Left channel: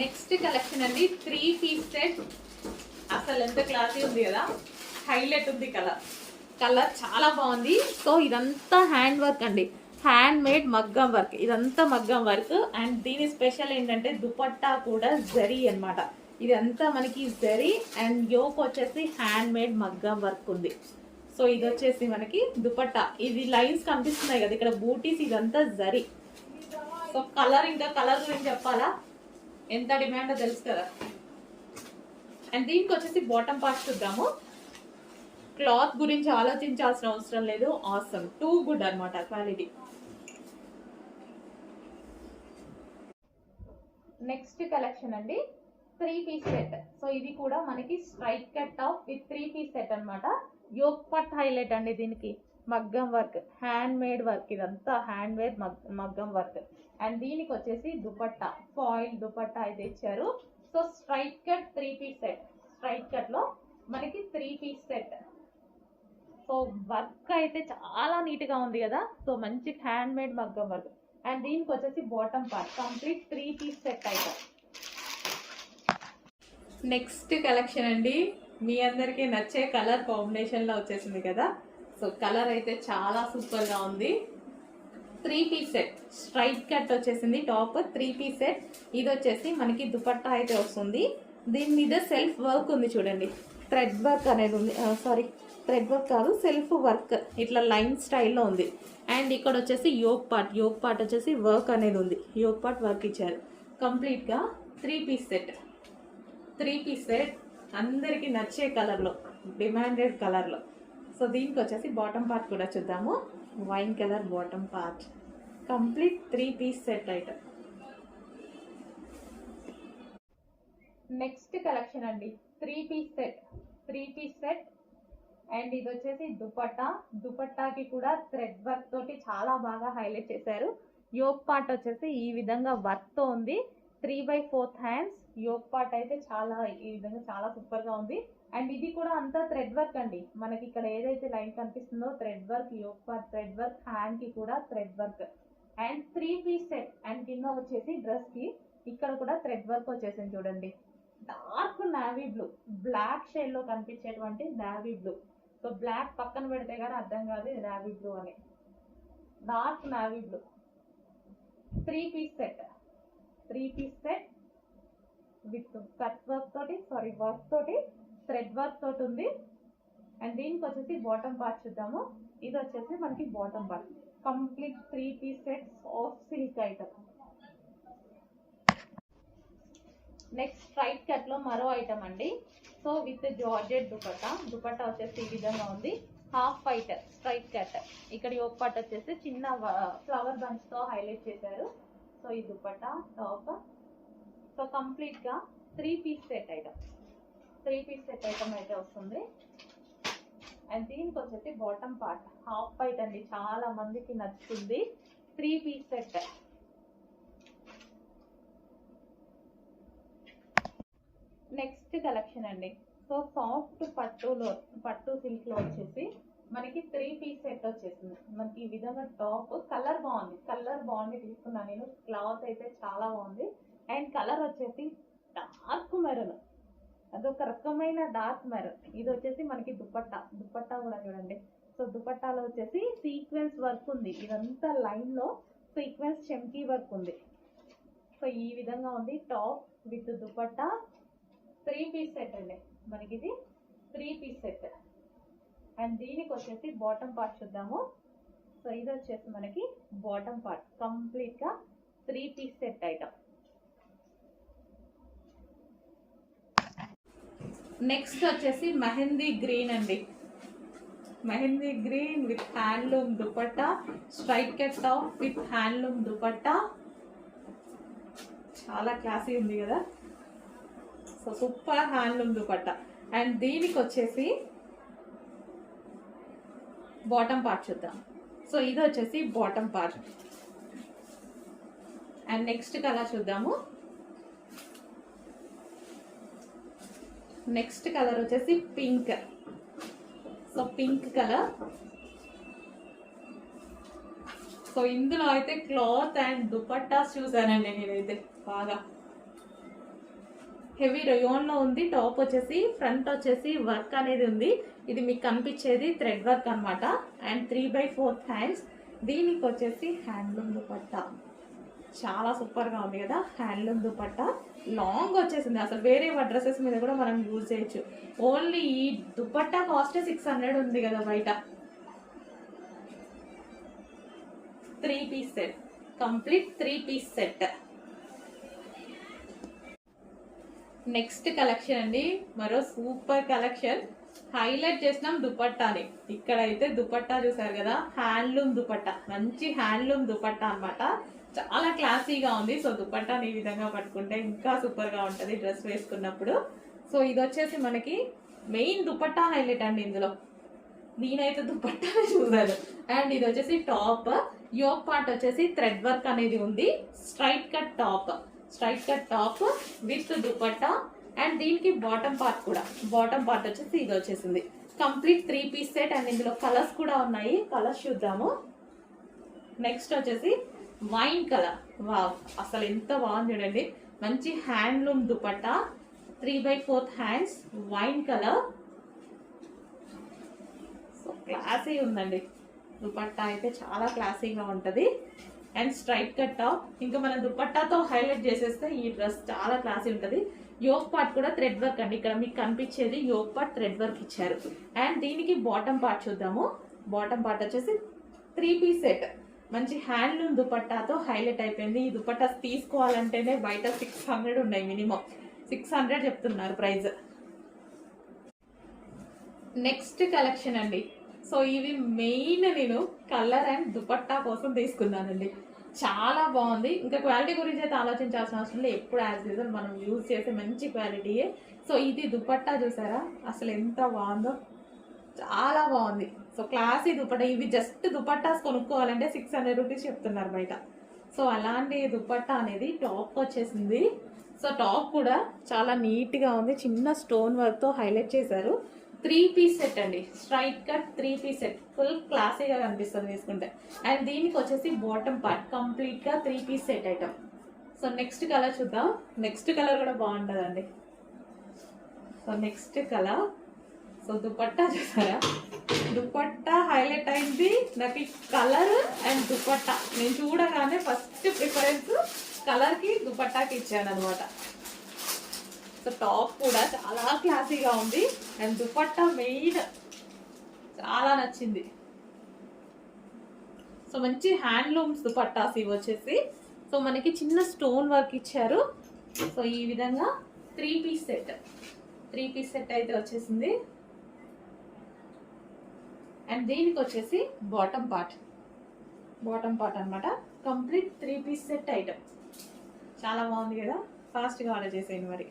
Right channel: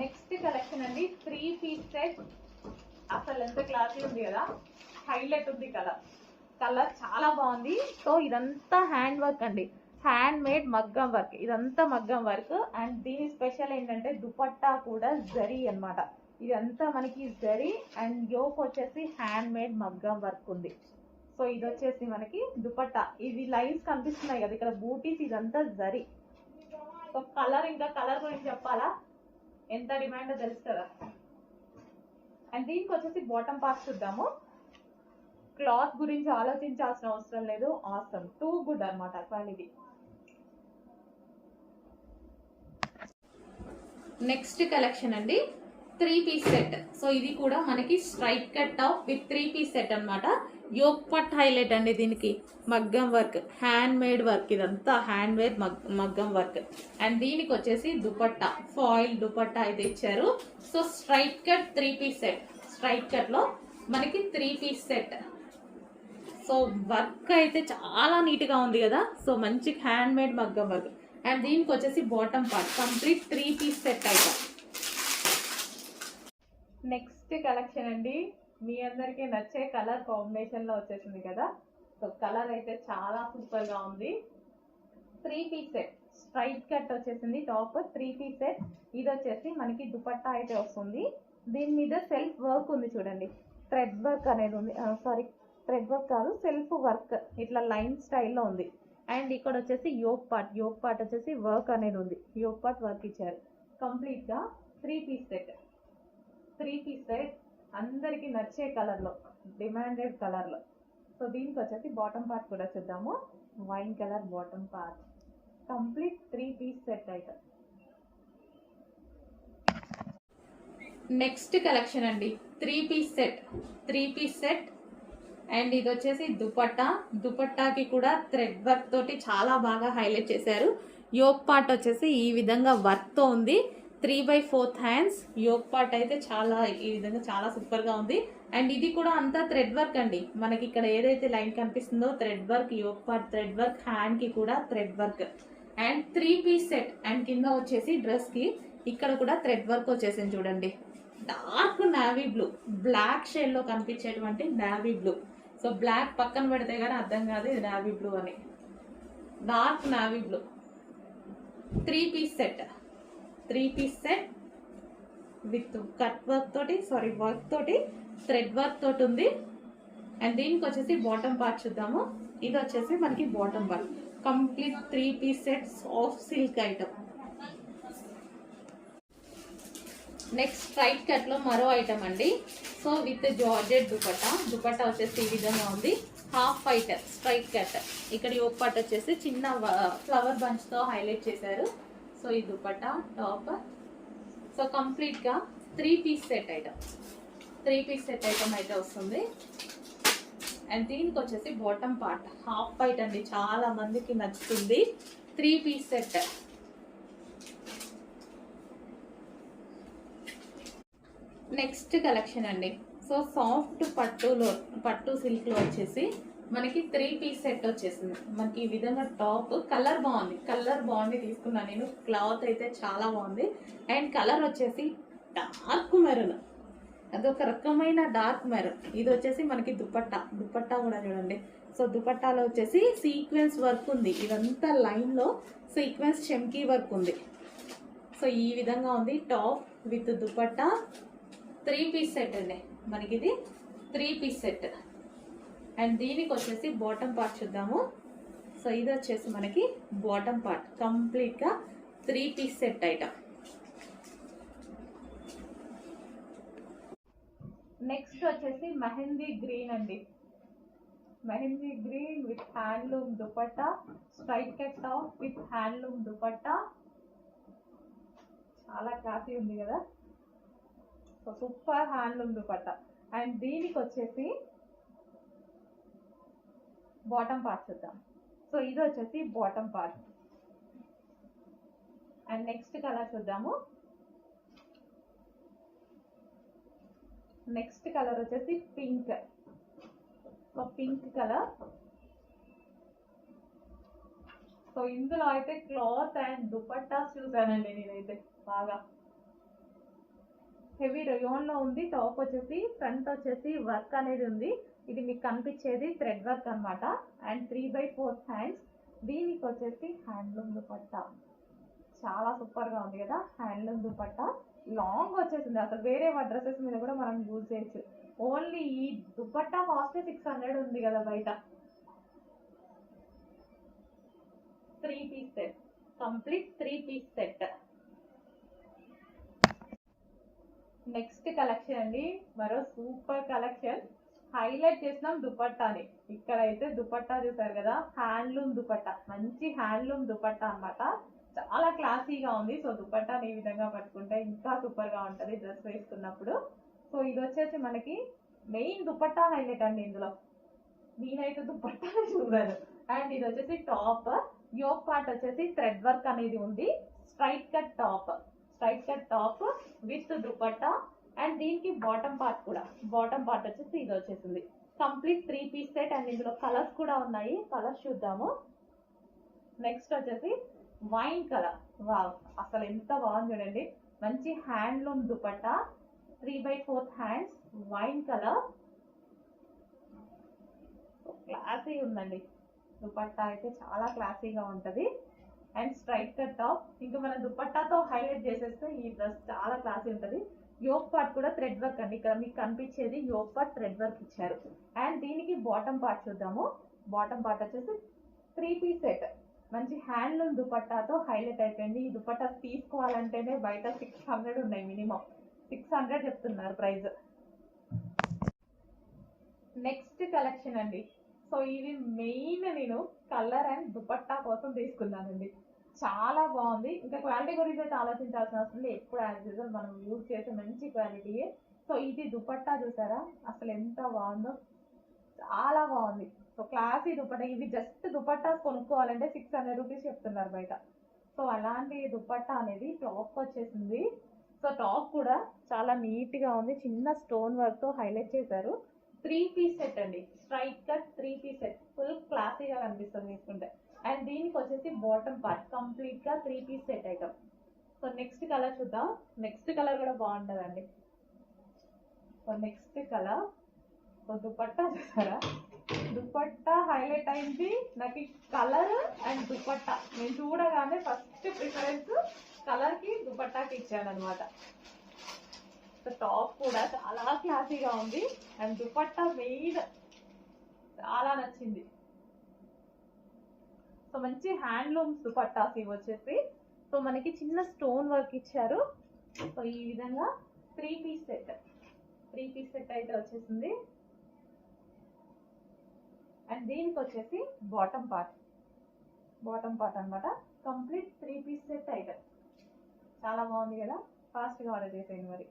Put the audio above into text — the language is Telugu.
నెక్స్ట్ కలెక్షన్ అండి 3-piece సెట్. అసలు ఎంత క్లాసీ ఉంది కదా, హైలైట్ ఉంది కలర్ చాలా బాగుంది. సో ఇదంతా హ్యాండ్ వర్క్ అండి, హ్యాండ్ మేడ్ మగ్గం వర్క్, ఇదంతా మగ్గం వర్క్. అండ్ దీని స్పెషల్ ఏంటంటే దుపట్టా కూడా జరీ అనమాట. ఇదంతా మనకి జరీ అండ్ యోక్ వచ్చేసి హ్యాండ్ మేడ్ మగ్గం వర్క్ ఉంది. సో ఇది వచ్చేసి మనకి దుపట్టా, ఇది లైన్స్ కనిపిస్తున్నాయి కదా ఇక్కడ బూటీస్, ఇదంతా జరీ. సో ఇంకా కలర్ గురించి చెప్పాలా, ఎంత డిమాండో తెలుసు కదా. అండ్ దీనికి వచ్చేసి బాటమ్ పార్ట్ చూద్దాము. క్లాత్ గురించి ఆలోచించాల్సిన అవసరం లేదు, ఆసమ్, టూ గుడ్ అనమాట క్వాలిటీ. నెక్స్ట్ కలెక్షన్ అండి 3-piece సెట్. సో ఇది కూడా మనకి straight cut top with 3-piece set అనమాట. యోక్ పట్ హైలైట్ అండి దీనికి, మగ్గం వర్క్, హ్యాండ్ మేడ్ వర్క్, ఇదంతా హ్యాండ్ మేడ్ మగ్గం వర్క్. అండ్ దీనికి వచ్చేసి దుపట్టా, ఫాయిల్ దుపట్టా అయితే ఇచ్చారు. So straight cut 3-piece set, straight cut లో మనకి 3-piece సెట్. సో వర్క్ అయితే చాలా నీట్గా ఉంది కదా. సో మంచి హ్యాండ్ మేడ్ మగ్గం వర్క్. అండ్ దీనికి వచ్చేసి bottom part complete 3-piece set అయితే. నెక్స్ట్ కలెక్షన్ అండి, మీ అందరికీ నచ్చే కలర్ కాంబినేషన్లో వచ్చేసింది కదా. సో కలర్ అయితే చాలా సూపర్గా ఉంది. 3-piece సెట్, స్ట్రైట్ కట్ వచ్చేసింది టాప్, 3-piece సెట్. ఇది వచ్చేసి మనకి దుపట్టా అయితే వస్తుంది. దీని మీద సెల్ఫ్ వర్క్ ఉంది చూడండి, థ్రెడ్ వర్క్ అనేది ఉంది. సారీ, థ్రెడ్ వర్క్ కాదు, సెల్ఫ్ వర్క్, ఇట్లా లైన్ స్టైల్లో ఉంది. అండ్ ఇక్కడ వచ్చేసి యోక్ పార్ట్ వచ్చేసి వర్క్ అనేది ఉంది, యోక్ పార్ట్ వర్క్ ఇచ్చారు. కంప్లీట్గా 3-piece సెట్. 3-piece సెట్ అందరికీ నచ్చే కలర్లో, డిమాండెడ్ కలర్లో. సో దీనికి వచ్చేసి బాటమ్ పార్ట్ కూడా చూద్దాము. Wine colour bottom part, complete 3-piece set item. Next collection అండి 3-piece set. 3-piece set and ఇది వచ్చేసి దుపట్టాకి కూడా థ్రెడ్ వర్క్ తోటి చాలా బాగా హైలైట్ చేశారు. యోక్ పార్ట్ వచ్చేసి ఈ విధంగా వర్క్తో ఉంది. 3/4 హ్యాండ్స్ యోక్ పార్ట్ అయితే చాలా ఈ విధంగా చాలా సూపర్గా ఉంది. అండ్ ఇది కూడా అంతా థ్రెడ్ వర్క్ అండి, మనకి ఇక్కడ ఏదైతే లైన్ కనిపిస్తుందో thread work, yoke part thread work, హ్యాండ్కి కూడా thread work. And 3-piece set. And కింద వచ్చేసి డ్రెస్కి ఇక్కడ కూడా థ్రెడ్ వర్క్ వచ్చేసింది చూడండి. డార్క్ నావీ బ్లూ, బ్లాక్ షేడ్లో కనిపించేటువంటి నావీ బ్లూ. సో బ్లాక్ పక్కన పెడితే కానీ అర్థం కాదు ఇది నావీ బ్లూ అని. Dark navy blue 3-piece set. 3-piece set with cut work తోటి, వర్క్ తోటి, థ్రెడ్ వర్క్ తోటి ఉంది. అండ్ దీనికి వచ్చేసి బాటమ్ పార్ట్ చూద్దాము. ఇది వచ్చేసి మనకి bottom part complete 3-piece set soft silk item. Next straight కట్లో మరో ఐటమ్ అండి. సో విత్ జార్జెట్ దుపట్టా వచ్చేసి ఈ విధంగా ఉంది. హాఫ్ వైట్ స్ట్రైట్ కట్, ఇక్కడ యోక్ పార్ట్ వచ్చేసి చిన్న ఫ్లవర్ బంచ్తో హైలైట్ చేశారు. సో ఈ దుపట్టా టాప్. సో కంప్లీట్గా 3-piece set item, 3-piece set item అయితే వస్తుంది. అండ్ దీనికి వచ్చేసి బాటమ్ పార్ట్ హాఫ్ వైట్ అండి, చాలా మందికి నచ్చుతుంది. 3-piece set. నెక్స్ట్ కలెక్షన్ అండి. సో సాఫ్ట్ పట్టు సిల్క్లో వచ్చేసి మనకి 3-piece సెట్ వచ్చేసింది. మనకి ఈ విధంగా టాప్, కలర్ బాగుంది తీసుకున్నాను నేను. క్లాత్ అయితే చాలా బాగుంది. అండ్ కలర్ వచ్చేసి డార్క్ మెరూన్, అదొక రకమైన డార్క్ మెరూన్. ఇది వచ్చేసి మనకి దుపట్టా కూడా చూడండి. సో దుపట్టాలో వచ్చేసి సీక్వెన్స్ వర్క్ ఉంది, ఇదంతా లైన్లో సీక్వెన్స్ చెమ్కీ వర్క్ ఉంది. సో ఈ విధంగా ఉంది top with dupatta. 3-piece set అండి మనకి, ఇది 3-piece సెట్. అండ్ దీనికి వచ్చేసి బాటమ్ పార్ట్ చూద్దాము. సో ఇది వచ్చేసి మనకి బాటమ్ పార్ట్ కంప్లీట్గా 3-piece సెట్ ఐటమ్. నెక్స్ట్ వచ్చేసి మెహందీ గ్రీన్ అండి, mehndi green with handloom dupatta, straight cut top with handloom dupatta. చాలా క్లాసీ ఉంది కదా. So super handloom dupatta. And దీనికి వచ్చేసి బాటమ్ పార్ట్ చూద్దాం. సో ఇది వచ్చేసి bottom part. And next colour చూద్దాము. నెక్స్ట్ కలర్ వచ్చేసి pink. So pink colour. So ఇందులో అయితే క్లాత్ అండ్ దుపట్టాస్ చూసానండి నేనైతే బాగా. హెవీ రయోన్లో ఉంది. టాప్ వచ్చేసి ఫ్రంట్ వచ్చేసి వర్క్ అనేది ఉంది. ఇది మీకు కనిపించేది థ్రెడ్ వర్క్ అనమాట. And 3/4 hands. దీనికి వచ్చేసి హ్యాండ్లూమ్ దుపట్టా చాలా సూపర్గా ఉంది కదా. హ్యాండ్లూమ్ దుపట్టా లాంగ్ వచ్చేసింది. అసలు వేరే డ్రెస్సెస్ మీద కూడా మనం యూజ్ చేయొచ్చు. ఓన్లీ ఈ దుపట్టా కాస్ట్ 600 ఉంది కదా బయట. 3 piece set, complete 3 piece set. Next collection అండి, మరో సూపర్ కలెక్షన్. హైలైట్ చేసినాం దుపట్టాని. ఇక్కడైతే దుపట్టా చూసారు కదా, హ్యాండ్లూమ్ దుపట్టా, మంచి హ్యాండ్లూమ్ దుపట్టా అనమాట. చాలా క్లాసీగా ఉంది. సో దుపట్టాని ఈ విధంగా పట్టుకుంటే ఇంకా సూపర్గా ఉంటుంది డ్రెస్ వేసుకున్నప్పుడు. సో ఇది వచ్చేసి మనకి మెయిన్ దుపట్టా హైలైట్ అండి ఇందులో. నేనైతే దుపట్టా చూసాను. అండ్ ఇది వచ్చేసి టాప్. యోక్ పార్ట్ వచ్చేసి థ్రెడ్ వర్క్ అనేది ఉంది. Straight cut top with dupatta. And దీనికి బాటమ్ పార్ట్ కూడా, బాటమ్ పార్ట్ వచ్చేసి ఇది వచ్చేసింది. Complete 3 piece set. అండ్ ఇందులో కలర్స్ కూడా ఉన్నాయి. కలర్స్ చూద్దాము. నెక్స్ట్ వచ్చేసి వైన్ కలర్. వావ్, అసలు ఎంత బాగుంది చూడండి. మంచి handloom dupatta, 3/4 hands, wine colour. So classy ఉందండి దుపట్టా అయితే, చాలా క్లాసీగా ఉంటుంది. And straight cut top. ఇంకా మనం దుపట్టాతో హైలైట్ చేసేస్తే ఈ డ్రెస్ చాలా క్లాసీ ఉంటుంది. యోక్ పార్ట్ కూడా థ్రెడ్ వర్క్ అండి. ఇక్కడ మీకు కనిపించేది యోక్ పార్ట్ థ్రెడ్ వర్క్ ఇచ్చారు. అండ్ దీనికి బాటమ్ పార్ట్ చూద్దాము. బాటమ్ పార్ట్ వచ్చేసి 3 పీస్ సెట్. మంచి హ్యాండ్లూమ్ దుపట్టాతో హైలైట్ అయిపోయింది. ఈ దుపట్టా తీసుకోవాలంటేనే బయట 600 ఉన్నాయి, మినిమం 600 చెప్తున్నారు ప్రైస్. నెక్స్ట్ కలెక్షన్ అండి. సో ఇవి మెయిన్ నేను కలర్ అండ్ దుపట్టా కోసం తీసుకున్నానండి. చాలా బాగుంది. ఇంకా క్వాలిటీ గురించి అయితే ఆలోచించాల్సిన అవసరం లేదు. ఎప్పుడు యాజ్ యూజువల్ మనం యూజ్ చేసే మంచి క్వాలిటీయే. సో ఇది దుపట్టా చూసారా, అసలు ఎంత బాగుందో, చాలా బాగుంది. So classy dupatta. ఇవి జస్ట్ దుపట్టాస్ కొనుక్కోవాలంటే 600 రూపీస్ చెప్తున్నారు బయట. సో అలాంటి దుపట్టా అనేది టాప్ వచ్చేసింది. సో టాప్ కూడా చాలా నీట్గా ఉంది. చిన్న స్టోన్ వర్క్తో హైలైట్ చేశారు. 3 పీస్ సెట్ అండి. Straight cut 3 piece set. Full క్లాసీగా కనిపిస్తుంది తీసుకుంటే. అండ్ దీనికి వచ్చేసి బాటమ్ పార్ట్ కంప్లీట్గా 3 piece set item. So next colour చూద్దాం. నెక్స్ట్ కలర్ కూడా బాగుంటుందండి. So next colour. So dupatta చూసారా, దుపట్టా హైలైట్ అయింది నాకు. ఈ కలర్ అండ్ దుపట్టా నేను చూడగానే ఫస్ట్ ప్రిఫరెన్స్ కలర్కి దుపట్టాకి ఇచ్చాను అనమాట. సో టాప్ కూడా చాలా క్లాసీగా ఉంది. అండ్ దుపట్టా మెయిన్ చాలా నచ్చింది. సో మంచి హ్యాండ్లూమ్స్ దుపట్టాస్ ఇవి వచ్చేసి. సో మనకి చిన్న స్టోన్ వర్క్ ఇచ్చారు. సో ఈ విధంగా 3 పీస్ సెట్. 3 పీస్ సెట్ అయితే వచ్చేసింది. అండ్ దీనికి వచ్చేసి బాటమ్ పార్ట్ అనమాట. Complete 3 piece set item. చాలా బాగుంది కదా. ఫాస్ట్గా ఆర్డర్ చేసేయండి మరి.